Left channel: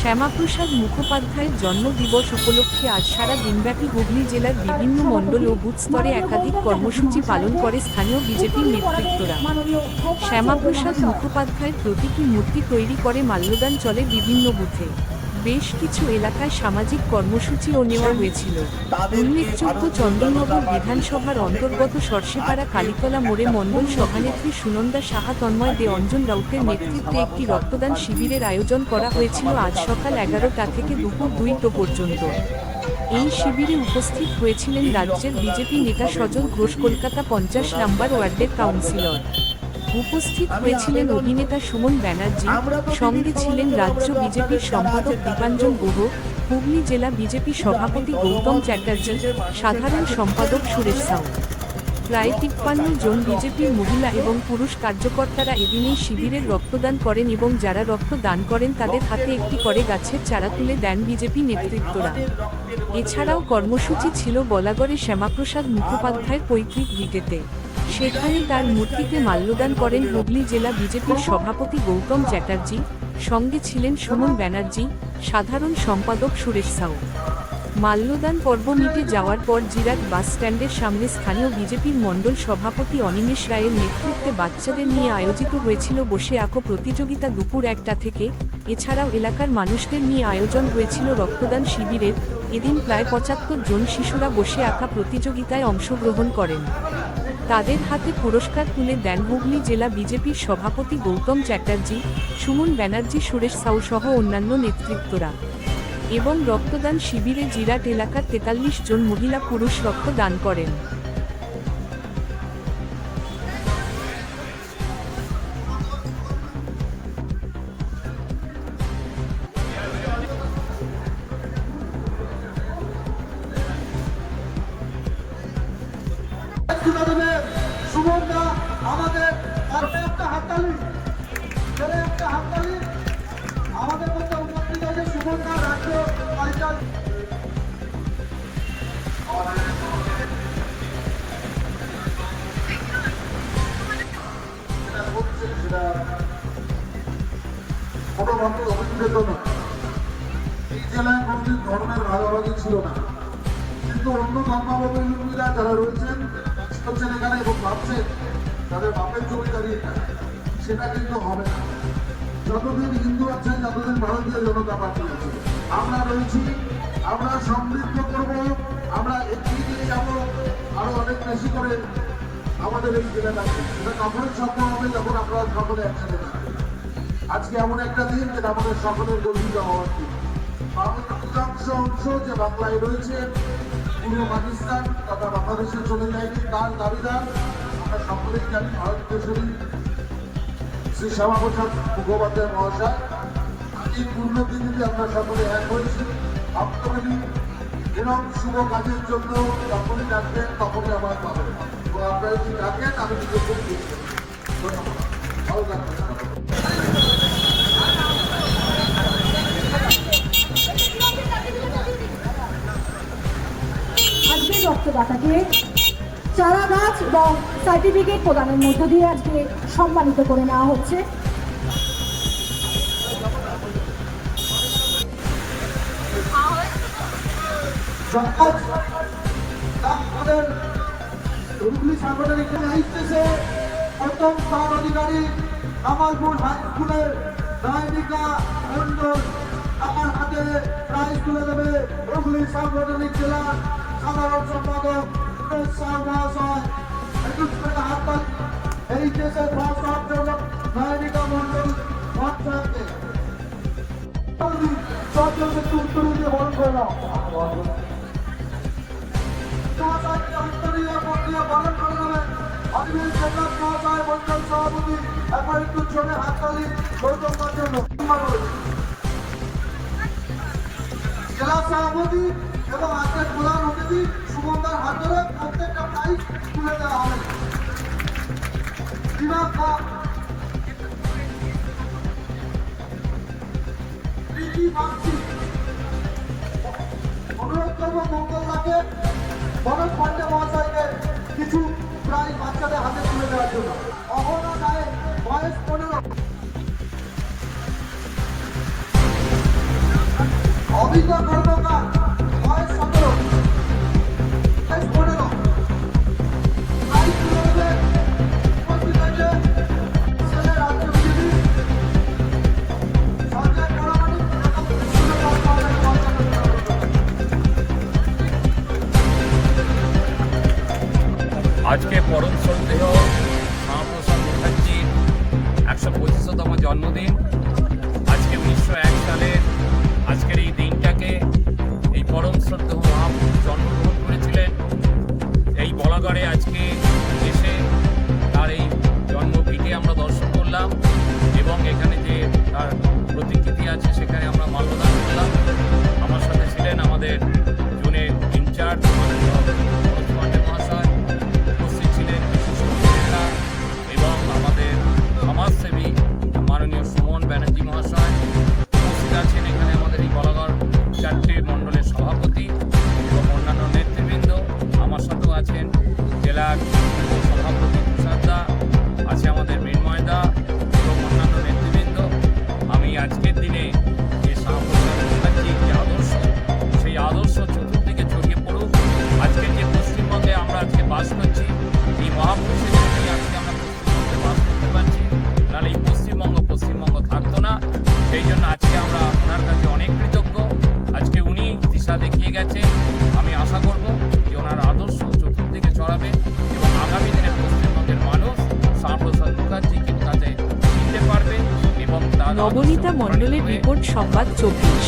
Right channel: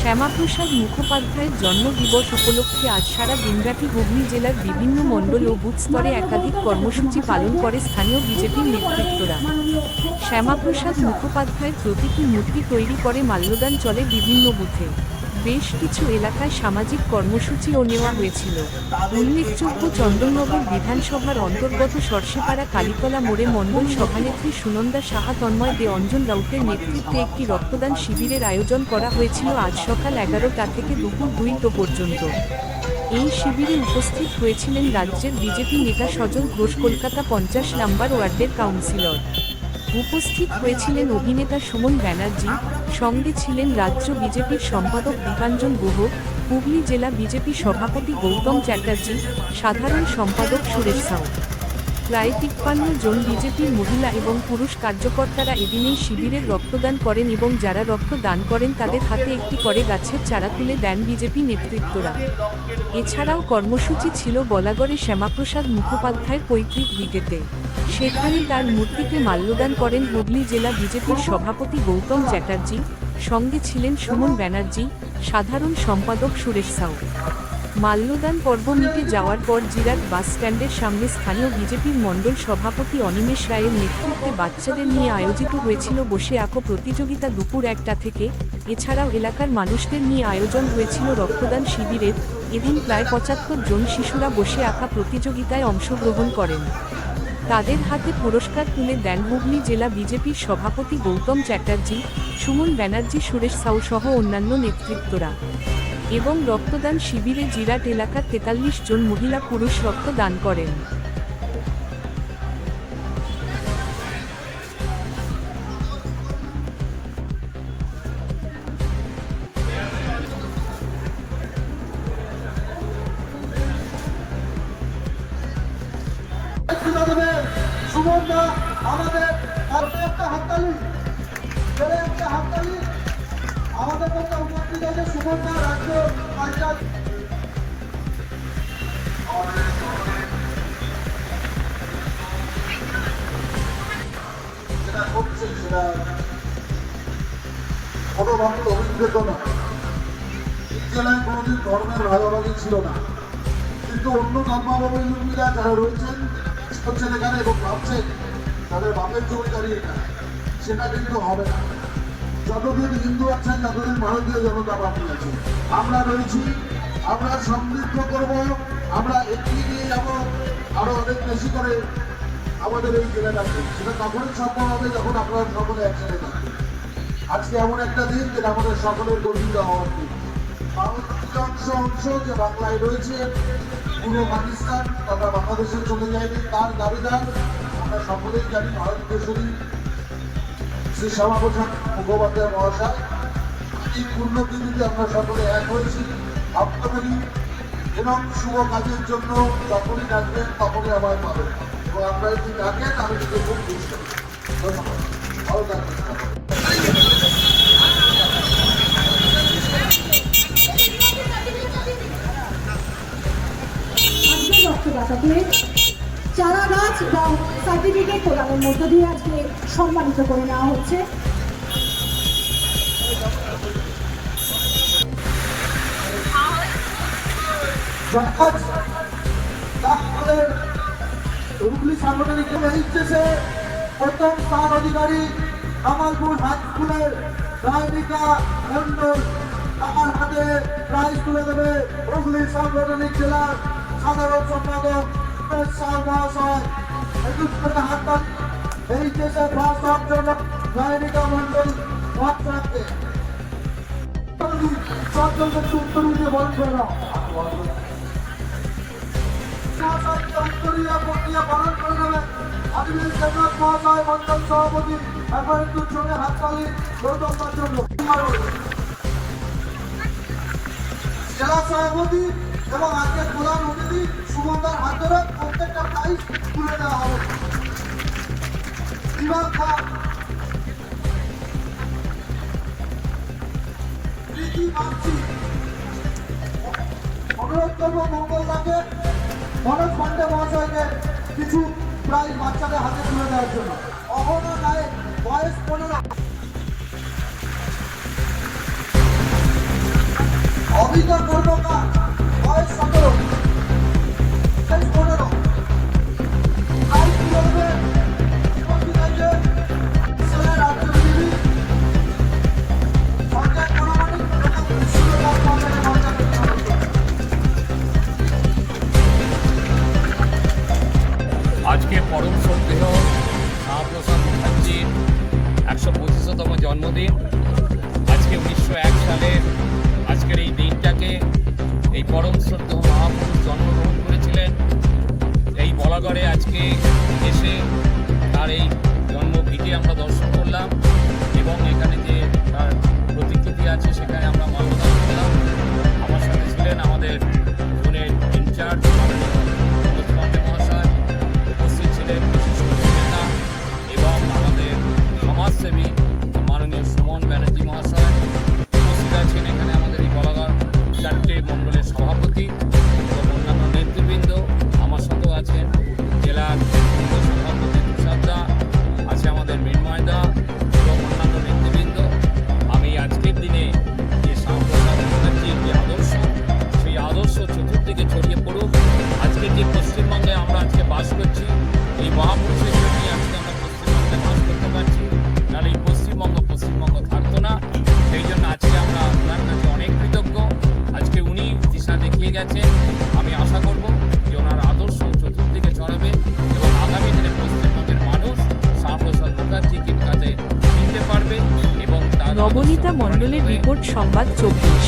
শ্যামাপ্রসাদ মুখোপাধ্যায়ের জন্মদিবস উপলক্ষে আজ সারা দিনব্যাপী হুগলি জেলার বিভিন্ন মণ্ডল ও বুথ স্তরে একাধিক কর্মসূচি পালন করে স্থানীয় বিজেপির নেতৃত্বরা। শ্যামাপ্রসাদ মুখোপাধ্যায়ের প্রতীকী মূর্তি তৈরি করে মাল্যদান চলে বিভিন্ন বুথে। বেশ কিছু এলাকায় সামাজিক কর্মসূচিও নেওয়া হয়েছিল। উল্লেখযোগ্য চন্দননগর বিধানসভার অন্তর্গত সরষেপাড়া কালীতলা মোড়ে মণ্ডল সভানেত্রী সুনন্দা সাহা, তন্ময় দে, অঞ্জন রাউতের নেতৃত্বে একটি রক্তদান শিবিরের আয়োজন করা হয়েছিল আজ সকাল 11টা থেকে দুপুর 2টা পর্যন্ত। এই শিবিরে উপস্থিত হয়েছিলেন রাজ্যের বিজেপি নেতা সজল ঘোষ, কলকাতা 50 নম্বর ওয়ার্ডের কাউন্সিলর। উপস্থিত হয়েছিলেন অভিনেতা সুমন ব্যানার্জি, সঙ্গে ছিলেন রাজ্য বিজেপির সম্পাদক দীপাঞ্জন গুহ, হুগলি জেলা বিজেপি সভাপতি গৌতম চ্যাটার্জি, সাধারণ সম্পাদক সুরেশ সাউ। প্রায় 53 জন বিজেপির মহিলা এবং পুরুষ কার্যকর্তারা এদিন এই শিবিরের রক্তদান করেন এবং যারা রক্ত দান করেন তাদের হাতে একটি করে গাছের চারা তুলে দেন বিজেপি নেতৃত্বরা। এছাড়াও কর্মসূচি ছিল বলাগড়ে শ্যামাপ্রসাদ মুখোপাধ্যায়ের পৈতৃক ভিটেতে। সেখানে তার মূর্তিতে মাল্যদান করেন হুগলি জেলা বিজেপির সভাপতি গৌতম চ্যাটার্জি, সঙ্গে ছিলেন সুমন ব্যানার্জি, সাধারণ সম্পাদক সুরেশ সাউ। মাল্যদান পর্ব মিটে যাওয়ার পর জিরাট বাস স্ট্যান্ডের সামনে স্থানীয় বিজেপির মণ্ডল সভাপতি অনিমেষ রায়ের নেতৃত্বে বাচ্চাদের নিয়ে আয়োজিত হয়েছিল বসে আঁকো প্রতিযোগিতা দুপুর 1টা থেকে। এছাড়াও এলাকার মানুষদের নিয়ে আয়োজন হয়েছিল রক্তদান শিবিরের। এদিন প্রায় 75 জন শিশুরা বসে আঁকা প্রতিযোগিতায় অংশগ্রহণ করেন। তাদের হাতে পুরস্কার তুলে দেন হুগলি জেলা বিজেপির সভাপতি গৌতম চ্যাটার্জি, সুমন ব্যানার্জি, সুরেশ সাউ সহ অন্যান্য নেতৃত্বরা। এবং রক্তদান শিবিরে জিরাট এলাকার 43 জন মহিলা পুরুষ রক্ত দান করেন। সুবর্ণা আমাদের একটা হাততালি, একটা হাততালি আমাদের মধ্যে উপস্থিত আছে সুবর্ণা রাজ্য যেটা করছে সেটা কোনোভাবে অভিযোগ নয়। এই জেলায় কোনোদিন ধর্মের ভাগাভাগি ছিল না, কিন্তু অন্য ধর্মাবলম্বীরা যারা রয়েছেন করছেন এখানে এবং ভাবছেন তাদের বাপের জমি দাঁড়িয়ে এখানে, সেটা কিন্তু হবে না। যতদিন হিন্দু আছেন, যতদিন ভারতীয় জনতা পার্টি আছে, আমরা রয়েছি, আমরা সমৃদ্ধ করব, আমরা এগিয়ে নিয়ে যাব আরো অনেক বেশি করে আমাদের এই জেলাটাকে। সেটা তখনই সম্ভব হবে যখন আপনারা সকলে একসাথে থাকবেন। আজকে এমন একটা দিন যেটা আমাদের সকলের গর্বিত হওয়ার দিন। অংশ যে বাংলায় রয়েছে, পুরো পাকিস্তান তথা বাংলাদেশে চলে যায়নি, তার দাবিদার আমরা সকলেই জানি ভারত কেশরী শ্রী শ্যামাপ্রসাদ মুখোপাধ্যায় মহাশয়। এই পুণ্যতিথিতে আমরা সকলে এক হয়েছি। আপনাদের এবং শুভ কাজের জন্য যখনই ডাকবেন তখনই আবার পাবেন, এবং আপনারা যদি ডাকেন আমি নিজে খুব খুশি। ধন্যবাদ, ভালো থাকবেন। রক্তদাতাকে চারা গাছ এবং সার্টিফিকেট প্রদানের মধ্য দিয়ে আজকে সম্মানিত করে নেওয়া হচ্ছে। হুগলি সাংগঠনিক প্রথম স্থান অধিকারী কামালপুর হাই স্কুলের রায়নিকা মন্ডল আমার হাতে প্রাইজ তুলে দেবে হুগলি সাংগঠনিক জেলার সাধারণ সম্পাদক মহাশয়। 21 করে হাততালি এই দেশে ফার্স্ট হওয়ার জন্য রায়নিকা মন্ডল মহাশয়কে উত্তর দিয়ে বরণ করে নাও। মহাশয়কে উত্তরীয় প্রক্রিয়া পালন করে নেবে আদিবাসী জেলার মহাশয় মন্ডল সভাপতি। এখন একটু জোরে হাততালি গৌতম জন্য। জেলা সভাপতি এবং আজকের প্রধান অতিথি সুমনদার হাত ধরে প্রত্যেকটা প্রাইজ তুলে দেওয়া হবে। অনুরোধ করবো মঙ্গল দাকে, মনোজ পান্ডে মহাশয়কে কিছু প্রাইজ বাচ্চাদের হাতে তুলে দেওয়ার জন্য। অহনা নায়ক, বয়স 15। প্রতিটা কর্মকার বয়স 17, বয়স 15, আই তুলে দেবেন উপস্থিত হয়েছে জেলা রাজ্য বিজেপি সঞ্জয় পরামানিক এবং বিশ্বনাথ পঞ্চায়েত পঞ্চায়েত সমিতি। আজকে পরম শ্রদ্ধেয় শ্যামাপ্রসাদ মুখার্জির 125তম জন্মদিন। আজকে 1901 সালের আজকের এই দিনটাকে এই পরম শ্রদ্ধেয় মহাপুরুষ জন্মগ্রহণ করেছিলেন। এই বলাগড়ে আজকে এসে তার এই জন্মভিটে আমরা দর্শন করলাম এবং এখানে যে তার প্রতিকৃতি আছে সেখানে আমরা মাল্যদান করলাম। আমার সাথে ছিলেন আমাদের জোনের ইনচার্জ মাননীয় মনোজ পান্ডে মহাশয়, উপস্থিত ছিলেন বিশিষ্ট নেতা এবং আমাদের সমাজসেবী মাননীয় সুমন ব্যানার্জি মহাশয়, উপস্থিত আছেন এখানে আমাদের এই বলাগড় 4টে মণ্ডলের সভাপতি এবং অন্যান্য নেতৃবৃন্দ। আমার সাথেও আছেন জেলার সভাপতি তুষারদা, আছে আমাদের মৃন্ময়দা এবং অন্যান্য নেতৃবৃন্দ। আমি আজকের দিনে যে শ্যামাপ্রসাদ মুখার্জির যে আদর্শ, সেই আদর্শ চতুর্দিকে ছড়িয়ে পড়ুক। আজকের যে পশ্চিমবঙ্গে আমরা আজকে বাস করছি, এই মহাপুরুষের জন্যই আজকে আমরা পশ্চিমবঙ্গে বাস করতে পারছি, নাহলে এই পশ্চিমবঙ্গ থাকতো না। সেই জন্য আজকে আমরা ওনার কাছে অনেক কৃতজ্ঞ। আজকে উনি দিশা দেখিয়ে গেছে। আমি আশা করব যে ওনার আদর্শ চতুর্দিকে ছড়াবে এবং আগামী দিনে পশ্চিমবঙ্গের মানুষ শ্যামাপ্রসাদ মুখার্জিকে কাছে চিনতে পারবে এবং তার নবনীতা মণ্ডলের রিপোর্ট, সংবাদ 24।